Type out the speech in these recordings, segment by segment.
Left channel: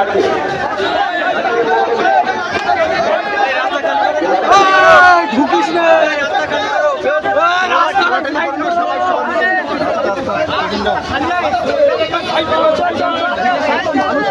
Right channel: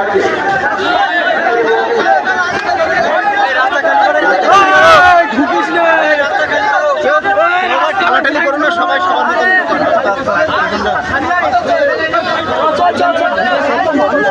রাখি মানুষ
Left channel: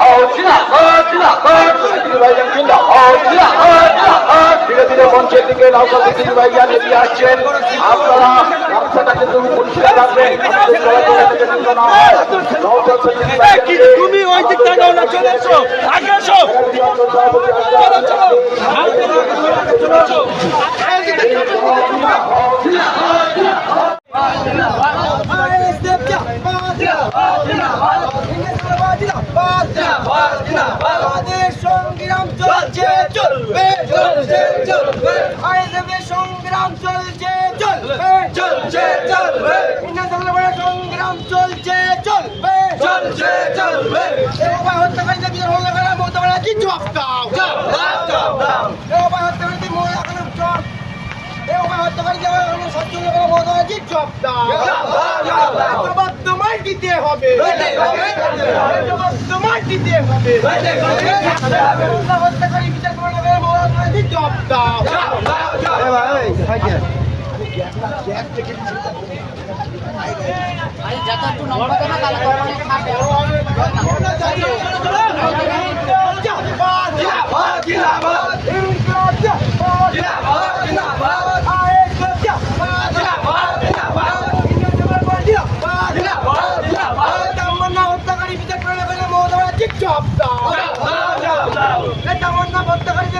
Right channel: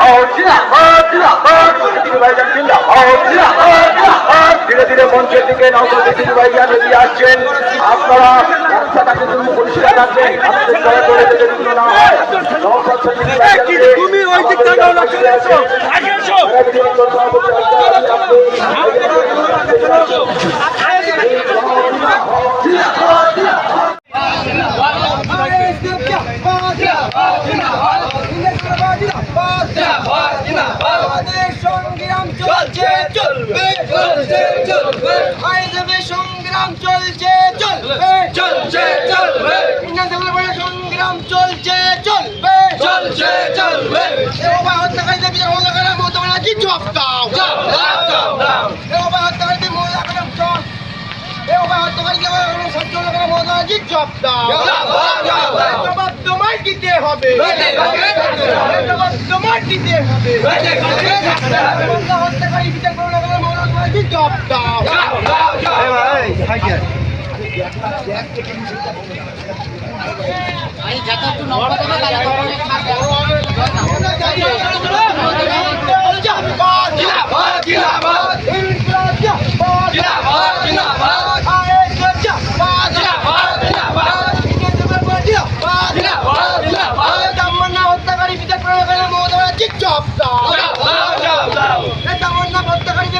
好，进来！ধীরে ধীরে মঞ্চের দিকে নৌকর দিকে ভাইজান এগিয়ে আসছেন আপনারা রাস্তাটা কিন্তু পরিষ্কার রাখবেন আপনাদের চলাচলে যাতে বিঘ্ন না হয় নৌকর দিকে ভাইজানকে তুমি ওই দিকটা নাও না চলে এসো আগে এসো আমাদের সংগ্রাম চলছে চলবে চলছে চলবে আইনজীবী সংগ্রাম চলছে চলবে চলছে চলবে। ইন্ডিয়ান সংগ্রাম চলছে চলবে চলছে চলবে। এবার হত্যাকারীদের বিচার হলো করা মমতা ব্যানার্জি জব দাও এবার হত্যাকারীদের মহিলা করা জব এবার হত্যাকারীকে সহ্য করা মমতা ব্যানার্জি জব দাও। জবাব তোমায় দিতে হবে। জবাব তোমায় দিতে হবে। মমতা হত্যাকারী বিচার করো না করে মমতা ব্যানার্জি জব দাও জিন্দাবাদ জিন্দাবাদ জিন্দাবাদ ইনকলাব জিন্দাবাদ জিন্দাবাদ জিন্দাবাদ আইএসএফ জিন্দাবাদ জিন্দাবাদ জিন্দাবাদ ইন্ডিয়ান জিন্দাবাদ জিন্দাবাদ জিন্দাবাদ জিন্দাবাদ তামান্না হত্যাকারী বিচার করে করে মমতা ব্যানার্জি জব দাও এই তামান্না হত্যাকারীদের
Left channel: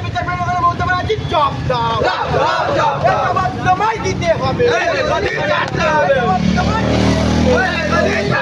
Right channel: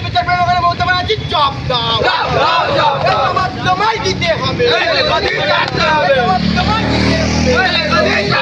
বিচার করে করে মমতা ব্যানার্জি জব দাও তোমায় দিতে হবে জবাব তোমায়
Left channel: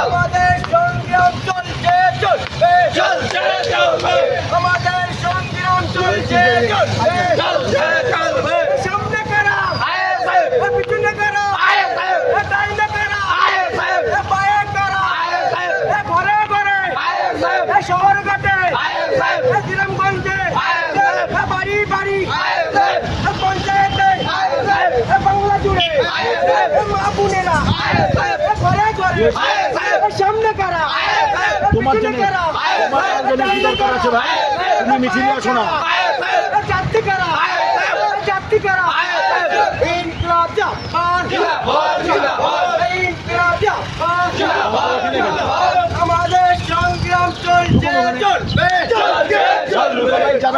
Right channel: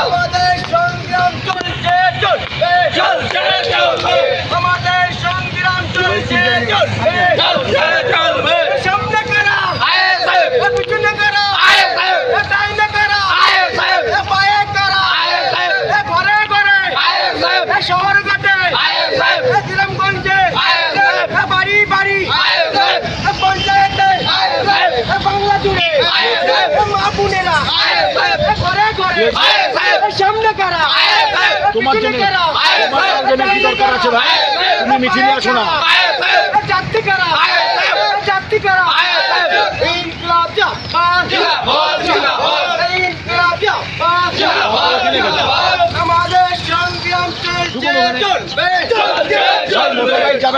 আমাদের সংগ্রাম চলছে চলছে চলবে আমাদের সংগ্রাম চলছে চলবে চলছে চলবে সামনে কারা পিছনে কারা ডাইনে কারা পায়ে কারা ঘরে ঘরে শহর ঘাটে গ্রামগঞ্জে বাড়ি পঞ্চায়েতে। বাংলা জুড়ে। মা বোনেরা। ঘরে ঘরে। সামনে কারা? তোমার জন্য তোমার জন্য কি দরকার আছে ভাই? তুমি মিছিলে আসো না।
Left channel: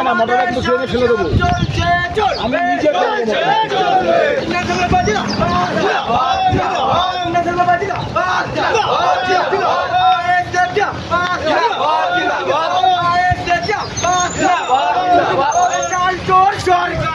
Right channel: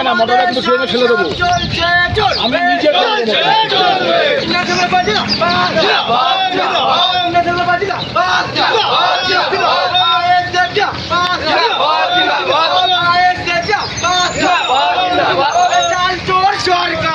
না মোটরটা কিন্তু ট্রেনে ফেলে দেবো। আমি নিজে সরকার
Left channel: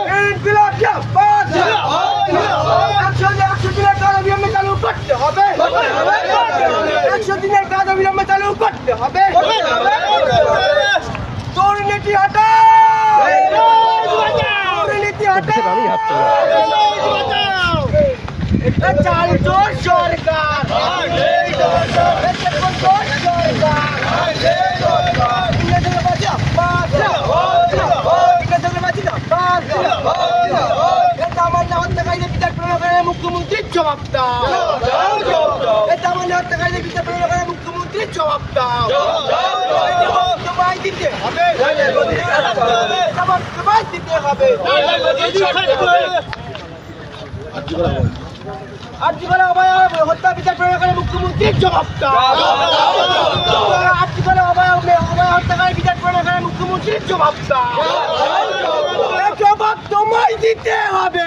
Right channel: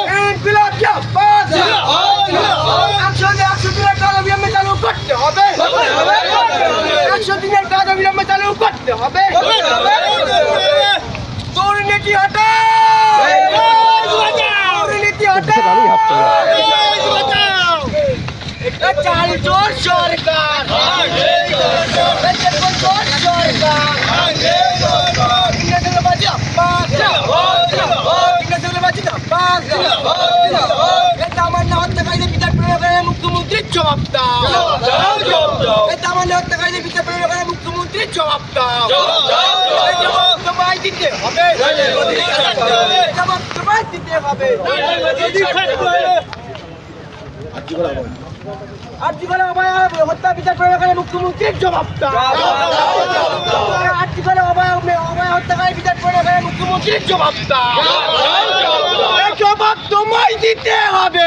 মুখ্যমন্ত্রী জবাব দাও এটা আমার না হত্যাকারীদের বিচার প্রয়োগের মুখ্যমন্ত্রী জবাব দাও জবাব দিতে হবে। দিতে হবে। আর জীবনে অভয় হত্যা বিচার প্রয়োগের মুখ্যমন্ত্রী জবাব দাও আর জীবনে অভয় অভয় হত্যাকারী বিচার প্রয়োগের মুখ্যমন্ত্রী জবাব জবাব তোমায় দিতে হবে।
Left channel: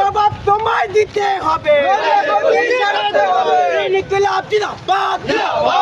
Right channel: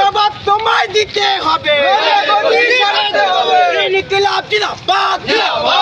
জবাব তোমায় দিতে হবে। ইনকিলাব জিন্দাবাদ ইনকিলাব